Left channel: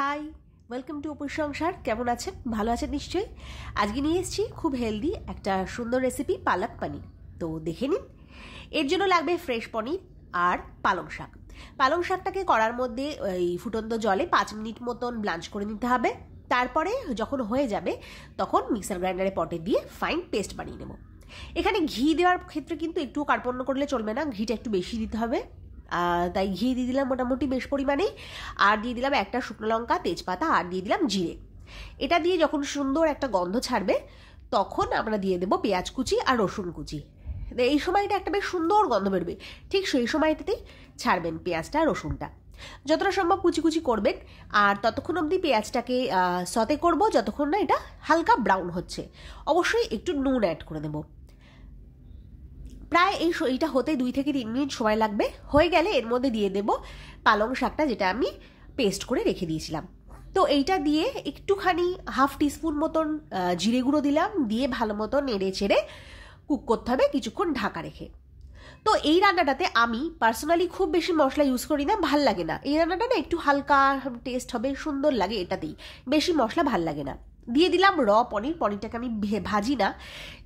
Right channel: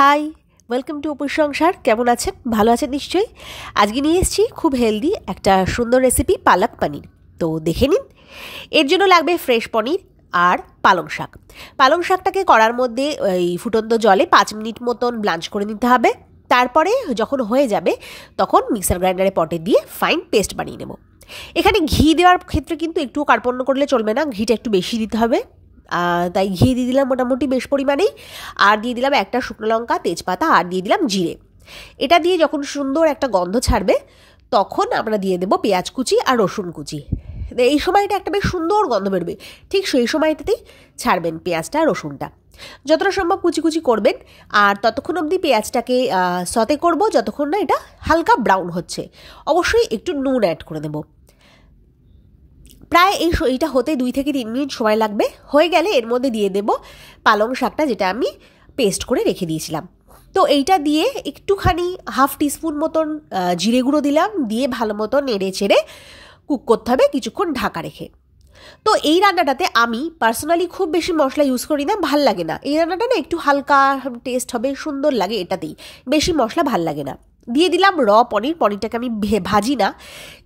High, welcome to অপুর সংসার। কেমন আছেন? ভালো আছেন নিশ্চয়ই। আজকে নিয়ে এসেছি খুব হেলদি একটা সুন্দর রেসিপি, পালক পনির। তো দেখে নিন। এর জন্য লাগবে ফ্রেশ পনির আর পালং শাক। পালং শাকটাকে কড়ার মধ্যে এই ফুটন্ত জলে 5 মিনিট মতন ব্লাঞ্চ করে নিতে হবে। তারপরে যখন হয়ে যাবে তখন মিক্সার গ্রাইন্ডারে পটে দিয়ে ফাইন পেস্ট বানিয়ে নেব। এখানে ঘি দেওয়ার ক্ষেত্রে কিন্তু একটু কার্পণ্য করলে চলবে না, ঘিটা একটু বেশি দিতে হবে। তাই ঘি দিয়ে দিলাম মোটামুটি বেশ পরিমাণেই। আর দিয়ে দিলাম একটা শুকনো লঙ্কা, তেজপাতা, আর দিয়ে দিলাম জিরে। এটা দিয়ে যখন সুন্দর একটা গন্ধ ছাড়বে তখন আমরা দিয়ে দেবো পেঁয়াজ কুচি আর রসুন কুচি। এই সময়টা একটা বেশ সুন্দর গন্ধ বেরোবে, ঠিক সেই সময়টাতেই ছাড়বেন পেঁয়াজটা আর রসুনটা। যতটা সম্ভব কুচি কুচি করবেন। আর ততক্ষণ অবধি পেঁয়াজটাকে সতে করব যতক্ষণ না এটা হালকা ব্রাউন হচ্ছে। অবশ্যই একটু নুন অ্যাড করে দেবো। প্রায় এইটা হতে 2 থেকে 3 মিনিট সময় লাগবে। হয়ে গেলে এর মধ্যে দিয়ে দেব পালং শাকটা, যেটা আমি পেস্ট করে রেখে দিয়েছিলাম। তো এইটা দিয়ে একটুখানি হাফ টিস্পুন মতন জিরে গুঁড়ো দিলাম, দিয়ে ভালো মতো নেড়ে চেড়ে কুক করতে হবে কিছুক্ষণ ঢাকা রেখে। তো এই রান্নাটাতে আমি পার্সোনালি খুব বেশি মশলা ইউজ করি না, ভাল লাগে না। এই রান্নাটা না একটু হালকা টেস্ট হবে, সুন্দর লাগে, এটাতেই বেশি মশলা ভাল লাগে না। দিয়ে দিলাম পনিরটাকে আমি ভাজি না,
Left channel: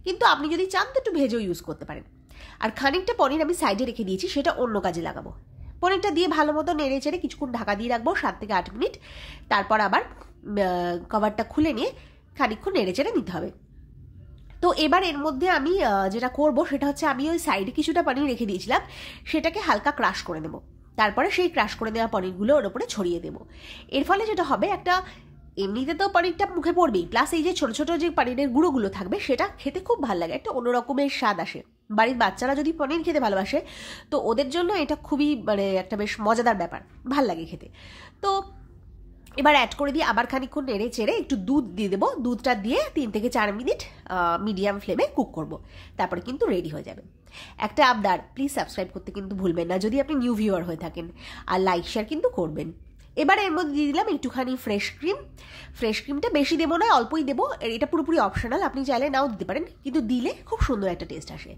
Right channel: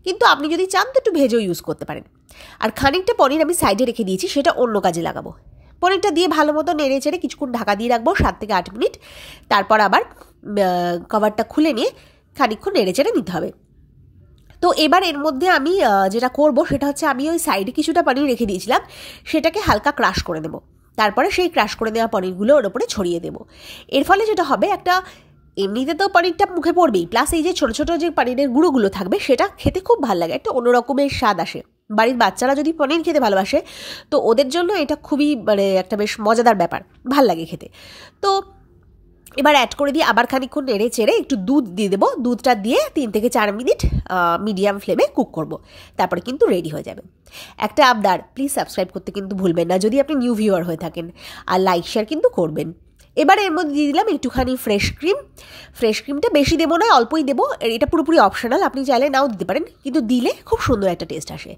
কিন্তু আপনি যদি চান তো একটু ভেজেও ইউজ করতে পারেন। আর খানিকটা পনির আমি সাইডে রেখে দিয়েছি, সেটা অন্য কাজে লাগাবো। পনিরটা দিয়ে ভালো মতো নেড়ে চেড়ে কিছুক্ষণ ঢাকা দিয়ে রাখবো 7 থেকে 8 মিনিট। তারপর আবার কভারটা খুলে নিয়ে খানিকক্ষণ নেড়ে চেড়ে নিতে হবে। তো এবার এর মধ্যে আমি যেটা করব সেটা হচ্ছে, আমি ওই সাইডে কিছুটা পনির রেখে দিয়েছিলাম, সেটাকে হালকা ক্রাশ করে দেবো। তারপরে সেই ক্রাশ করে দেওয়া পনিরগুলো ওর ওপরে ছড়িয়ে দেবো। এর ফলে যেটা হবে, একটা এমনিতে তো পনিরটা মুখে পড়বেই, প্লাস এই যে ছোটো ছোটো যে পনিরের গুঁড়োগুলো থাকবে সেটা খেতে খুব ভালো লাগে, একটা অন্যরকমের স্বাদ আসে। বাড়ির বাচ্চারা যদি পনির খেতে ভালোবাসে তো ওদের জন্য এটা খুবই একটা বেশ মজাদার ব্যাপার, ভাল লাগে খেতে। তো এবার অ্যাড করে দিয়ে আবার খানিকক্ষণ নেড়ে চেড়ে একটু দুধ দিয়ে দেবো। দুধটা দিয়ে 3 থেকে 4 মিনিট মিডিয়াম ফ্লেমে কুক করব। তারপরে কিন্তু রেডি হয়ে যাবে। একটা আবদার, প্লিজ সাবস্ক্রাইব করতে কিন্তু ভুলবেন না যদি আপনি নিউ ভিউয়ার হয়ে থাকেন, আর লাইক শেয়ার কিন্তু করবেন। এবার এর মধ্যে দিয়ে দিলাম একটুখানি ফ্রেশ ক্রিম। ফ্রেশ ক্রিমটা বেশি দেবো না, অল্পই দেবো। এটা পুরোপুরি অপশনাল, আপনি চাইলে নাও দিতে পারেন, কিন্তু দিলে খুব সুন্দর একটা টেস্ট আসে।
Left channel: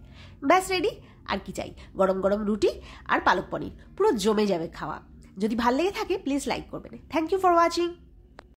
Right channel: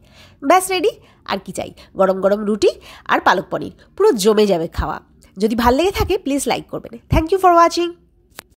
ব্যাস রেডি। আর কি চাই? গরম গরম রুটি আর পালক পনির, পুরো জমে যাবে খাওয়া। যদি ভালো লেগে থাকে প্লিজ লাইক করবেন। Thank you for watching.